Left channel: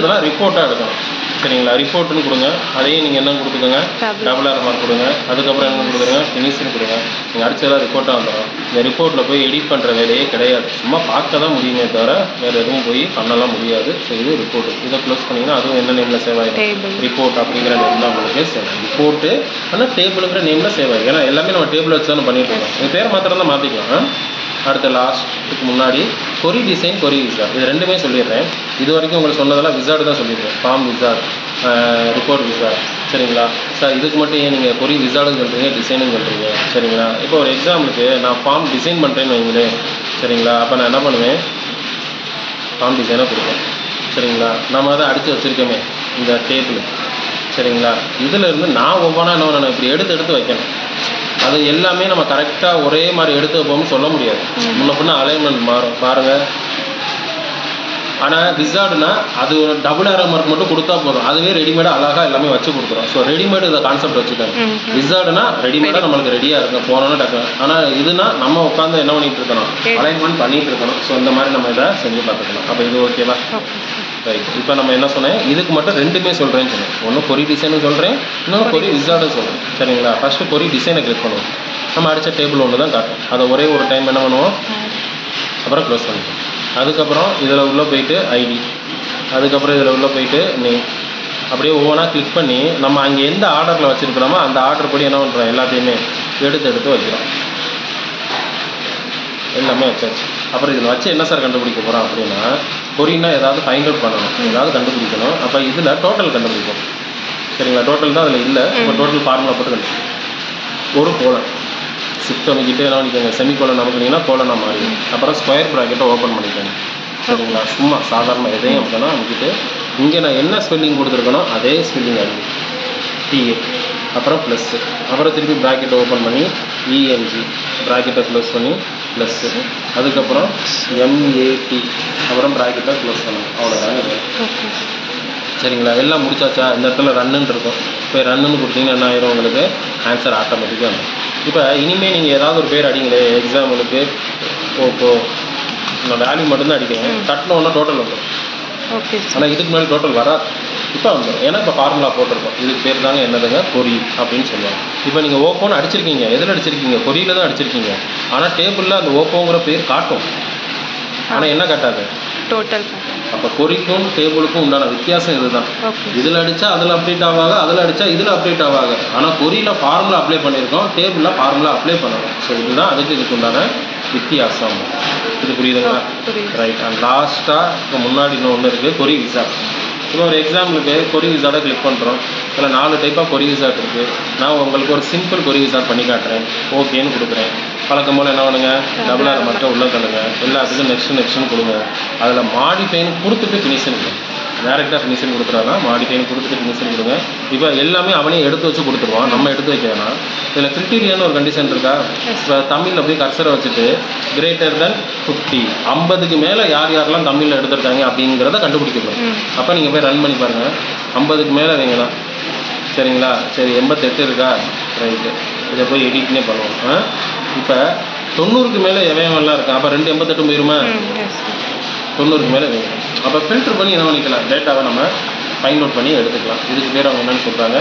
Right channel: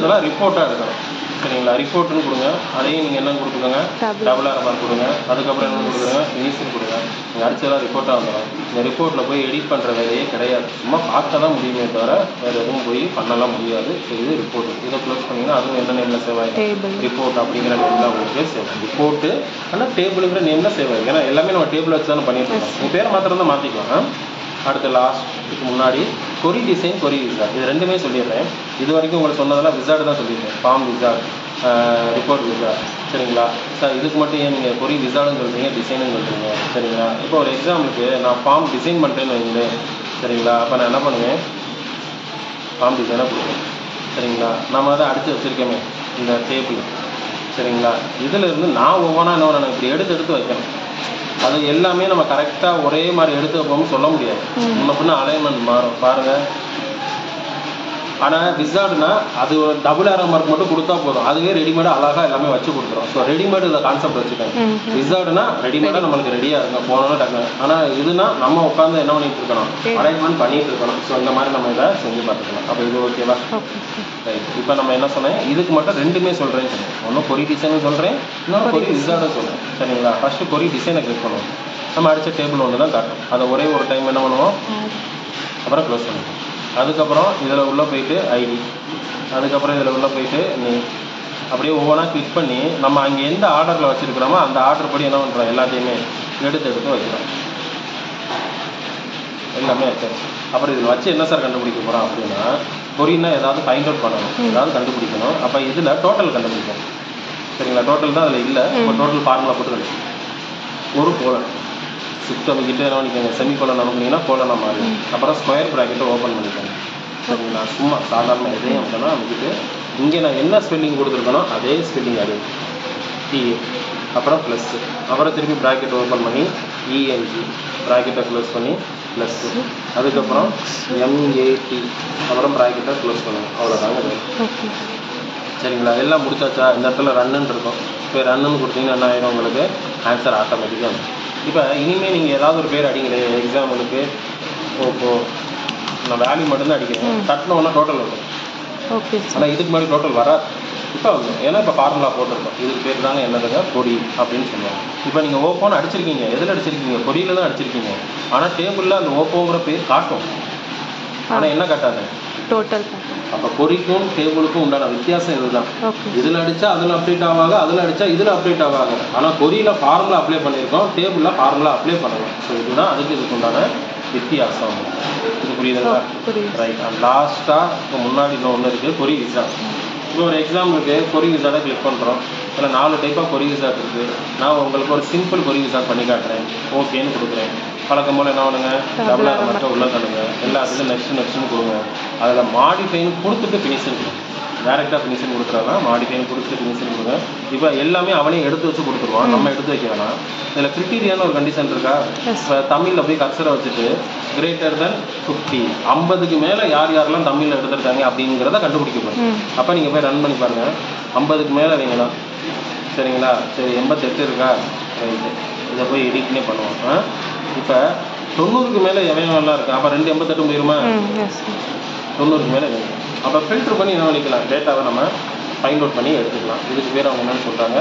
அதெல்லாம் ரிப்போர்ட்டாக எடுக்கணும். சரிங்களா? ரிப்போர்ட்டுன்னு கொடுங்க. அதையும் நீங்கள் என்ன கொடுத்துக்கோங்க, டபுள் ஆர் மார்க் கொடுங்க. அதுக்கப்புறம் என்ன கொடுத்துருங்க, ஃபினிஷிங் கொடுங்க. நீங்கள் அடிச்சதெல்லாம் ரிப்போர்ட்டாக வந்துடும். இந்த ரிப்போர்ட்டில் போய் எடிட் பண்ணுற வேலையே கிடையாது. சும்மா பார்க்க தான் முடியுமே தவிர வேறு எதுவும் போய் பண்ணலாம் முடியாது. சரி, இது ரிப்போர்ட்டு. இதை க்ளோஸ் பண்ணிங்கன்னா அதுவும் என்ன நேமில் சேவ் ஆகிடும், ரிப்போர்ட் அப்படிங்கிற நேமில் உங்களுக்கு சேவ் ஆகும். ரிப்போர்ட்டு ஆனால் டேபிளுங்கிற நேமில் சேவ் ஆகிடும். ஏன்னா எல்லாமே நம்ம டேபிள் வச்சு தான் பண்ணிட்டு இருக்கோம். இந்த பேரை மாத்திரம் தான் மாற்றிக்கலாம். அடுத்த லாஸ்ட்டுக்கு முன்னாடி கொரி டிசைன், கொரி விசார்ட், இது ரெண்டுமே சொல்லிடுறேன். இது வரைக்கும் உங்களுக்கு சொன்னதெல்லாம் விசார்டு தான் சொல்லியிருக்கேன். Form wizard, report wizard. சரிங்களா சார்? இதுக்கு மட்டும் ஏன் நீங்கள் கொரி விசார்டுன்னு சொல்கிறீங்க, டிசைனுன்னு சொல்கிறீங்க? சரிங்களா? இப்போ ஒரு எக்ஸாம்பிளுக்கு நான் ஃபார்ம் டிசைன் பண்ணுறேன்னு வைங்களேன். சரிங்களா? அப்போ நான் என்ன பண்ணுவேன், ஃபார்ம் டிசைனாக கொடுப்பேன். சரிங்களா? நம்ம அதை அடித்து வச்சுருக்கோமே இந்த டேபிள். சரிங்களா? இதில் இருந்து நான் ஒவ்வொன்றா என்ன பண்ணணும், இப்படி எடுத்து வைக்கணும். அது எல்லாமே நம்ம கரெக்டாக ஒரே மாதிரி எடுத்து வைப்போம்னு சொல்ல முடியாது. முன்ன பின்ன அலைன்மெண்ட் மாறும் பாருங்கள். ஆனால் விசார்டுனா அது ஒரு டபுள் ஆரோ மார்க் மட்டும் கொடுத்தா போதும். அதுவே ரெடிமேடாக அழகாக எல்லாமே வச்சு கொடுத்துரும். ஸோ ரெடிமேடு இதை கான்செப்ட் வச்சுக்கோங்க. விசார்டுனா ரெடிமேடாக நம்மளுக்கு ரெடியாக இருக்கும், போனோன்னு டக்குனு. ஆனால் இதுனா நம்ம உட்காந்து என்ன பண்ணிட்டு இருக்கணும், அலைன்மெண்ட் பண்ணிட்டு இருக்கணும். ஸோ இந்த மாதிரி நம்ம இதை செஞ்சு பார்த்துக்கலாம். அப்போ இது ஓகேவா? ரைட். இப்போ நம்ம என்ன சொன்னேன், இதுக்கு மட்டும் ரெண்டுமே சொல்கிறேன்னு சொன்னேன். ஒன்று கொரி டிசைனும் சொல்கிறேன், இன்னொன்று கொரி விசார்டும் சொல்கிறேன். சரிங்களா? ஃபஸ்ட்டு கொரி டிசைனை கிளிக் பண்ணுவோம். நம்ம அடித்த டேபிள் ஒன்று தான் காட்டும். அதை ஒரே ஒரு டைம் என்ன பண்ணுவோம், அப்புறம் க்ளோஸ் பண்ணுவோம். அதுக்கப்புறம் இதில் உள்ளே போயிட்டு ஐடி, அதுக்கப்புறம் இதில் உள்ளே போயிட்டு நேம், அப்படியே ஒவ்வொன்றா கிளிக் பண்ணி நம்ம அங்கே எந்த ஆர்டரில் வச்சுருக்கிறோமோ அந்த ஆர்டர் படி என்ன பண்ணுறோம், எல்லாத்தையுமே எடுத்து வைக்கிறோம். எல்லாமே வச்சாச்சு. அப்புறம் இதில் வச்சு என்ன சார் கண்டுபிடிக்க போகிறோம் அப்படின்னா, கொரினா ஏதாவது ஃபைண்ட் அவுட் பண்ணணும், ஏதாவது கண்டுபிடிக்கணும். அப்போ இதில் டோட்டல் கண்டுபிடிக்கணும். சரிங்களா? டோட்டல் தான் அதில் இல்லை. இப்போ டோட்டல் ஃபார்முலா போட்டு கண்டுபிடிக்கும். ஒரு கோலன் ஷிஃப்ட் அமைக்கிட்டு என்ன பண்ணிக்கோங்க, செமி கோலன் அமைக்கிங்கன்னா கோலனை மாறி, அப்புறம் ஸ்கொயர் ப்ராக்கெட்டை ஓப்பன் பண்ணிக்கோங்க. சரிங்களா? சும்மா சாதாரண எதையும் அமைக்கணும். அமைக்கிட்டு இங்கே நான் என்ன ஸ்பெல்லிங் கொடுத்துருக்கனோ அதே ஸ்பெல்லிங் அடி டிஏ, அப்புறம் ப்ளஸ்ஸு, அப்புறம் திருப்பி ப்ராக்கெட்டை ஓப்பன் பண்ணி இஎன்ஜி, ப்ராக்கெட்டை க்ளோஸ் பண்ணி ப்ளஸ்ஸு, அதுக்கப்புறம் எம்ஏடி, அப்புறம் ப்ராக்கெட்டை க்ளோஸ் பண்ணணும். அவ்வளோதாங்க. சரிங்களா? எல்லாம் முடிச்சாச்சா? இந்த இடத்துல ரன்னுன்னு இருக்கும். போய் ரன்னுன்னு கொடுத்தீங்கன்னா என்ன ஆயிரும், உங்களுக்கு ஆன்சர் ஆட்டோமேட்டிக்காக இருக்கும். இப்போ இனிமேல் நீங்கள் ஏதாவது ஒரு பேர் அடிங்களே, எக்ஸாம்பிளுக்கு ஓப்போ, நான் வேல்யூ மட்டும்தான் அடிக்கிறேன். தட்டில் ஒன்றா டோட்டல் வந்துடும். ஓகே. ஆனால் இதுக்கு முன்னாடி டோட்டல் வராது. இப்போ வந்துடும். ஏன்னா இப்போ ஃபார்முலா போட்டிருக்கோம். இதுக்கு பேர் தாங்க என்னதுங்க, கொரி அப்படின்னு சொல்லுவாங்க. இப்போ நீங்கள் ஓப்போன்னு அடிச்சிருக்கீங்க. எதில் அடிச்சிருக்கீங்க, கொரியில் தான் அடிச்சிருக்கீங்க. ஆனால் டேபிளில் அந்த ஓப்போங்கிற பேர் காட்டும், ஆனால் என்ன காட்டாது, டோட்டல். அப்போ கொரிக்கும் டேபிளுக்கும் உண்டான வித்தியாசம் இதுதான். இதில் அடித்தா அதில் அப்டேட் ஆவாங்க, அதில் அடித்தா இதில் அப்டேட் ஆவாங்க. ஆனால் கொரியில் ஃபார்முலா அப்ளை பண்ணியிருக்கோம், டேபிளில் ஃபார்முலா அப்ளை பண்ணணும். ஸோ இதுதான் இதுக்கு உண்டான வித்தியாசம். இது புரியுதுங்களா? ரைட். அண்ட் லாஸ்ட்டாக முன்னாடி இன்னொன்று இருக்குது, கொரி விசார்ட். இப்போ ஒரு எக்ஸாம்பிளுக்கு கொரி விசார்ட்டை கிளிக் பண்ணுறோம். இதில் 4 டைப்பாக கொரி விசார்ட் இருக்குது. நான் உங்களுக்கு ஒரு சிம்பிள் கொரி விசார்ட் பண்ணி காட்டுறேன். ஓகேன்னு கொடுக்குறேன். பழக்கம் போல் என்ன பண்ணுங்க, டபுள் ஆர் மட்டும் உள்ளே தள்ளுங்க. எல்லாத்துக்கும் நெக்ஸ்ட்னு கொடுங்க. அதில் மாடிஃபைன்னு கொடுத்துட்டு ஃபினிஷிங் கொடுங்க. டேரெக்டாக ஃபினிஷிங் கொடுத்துறாங்க. மாடிஃபைன்னு கொடுத்துட்டு ஃபினிஷிங் கொடுங்க. இப்போ எல்லாமே அவனே எடுத்து வச்சு கொடுத்துருவான், நம்ம எடுத்து வைக்க வேணாம். இதில் கிரிட்டீரியான்னு ஒரு கண்டிஷன் இருக்கா? இப்போ தமிழில் போய் கர்சரை வச்சுட்டு கிரேட்டர் தென் 50, 50க்கு மேலே யாரெல்லாம் தமிழில் எடுத்துருக்காங்க அப்படிங்கிறத கண்டுபிடிக்கணும். அப்போ நீங்கள் போய் ரன் பண்ணி பாருங்கள். 50க்கு மேலே வைங்களா? சரிங்களா? சரி, 88 இருக்கா? ரைட்டு. இதை போய் எடிட்னே பண்ணுவோம். இப்போ 90க்கு மேலே எவையெல்லாம் இருக்கா? அப்போ 2 88 போயிருமா? 90க்கு மேலே வேணும். அப்போ ஃபில்டர் பண்ணி என்ன பண்ணிக்கலாம், டேட்டாவை நம்ம ஃபைண்ட் அவுட் பண்ணி எடுத்துக்கலாம். இதுக்கு பேர் அவங்க என்னென்னு சொல்கிறாங்க,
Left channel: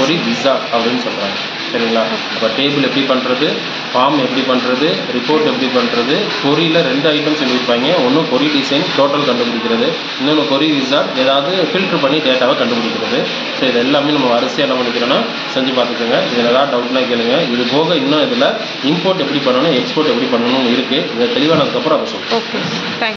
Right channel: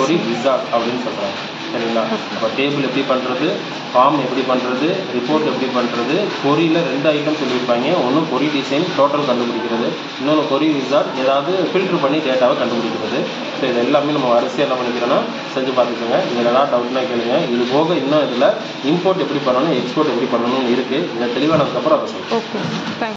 கொரி விசார்ட் அப்படின்னு சொல்கிறாங்க. சரிங்களா? அப்போ டேபிள் எப்படி பண்ணுறது, ஃபார்ம் எப்படி பண்ணுறது, ரிப்போர்ட் எப்படி பண்ணுறது, கொரியில் 2 ஐட்டம் சொல்லியிருப்பாங்க. ஒன்று கொரி டிசைன் டோட்டல் கண்டுபிடிக்கிறது, இன்னொன்று கொரி விசார்ட் ஏதாவது ஃபில்டர் பண்ணி டேட்டாவை கண்டுபிடிக்கிறது. ஸோ இது எல்லாமே நம்ம வரிசையாக என்ன பண்ணிக்கிறோன்னா செஞ்சு பார்த்துக்கோங்க. இதில் ஏதாவது டவுட்லாம் கேளுங்க. இது போக இன்னும் இதில் இம்போர்ட் எப்படி பண்ணணும், எக்ஸ்போர்ட் எப்படி பண்ணணும்னு இருக்குது. இதை தெளிவானதுக்கப்புறம் அதை சொல்லுங்கள். Okay, thanks.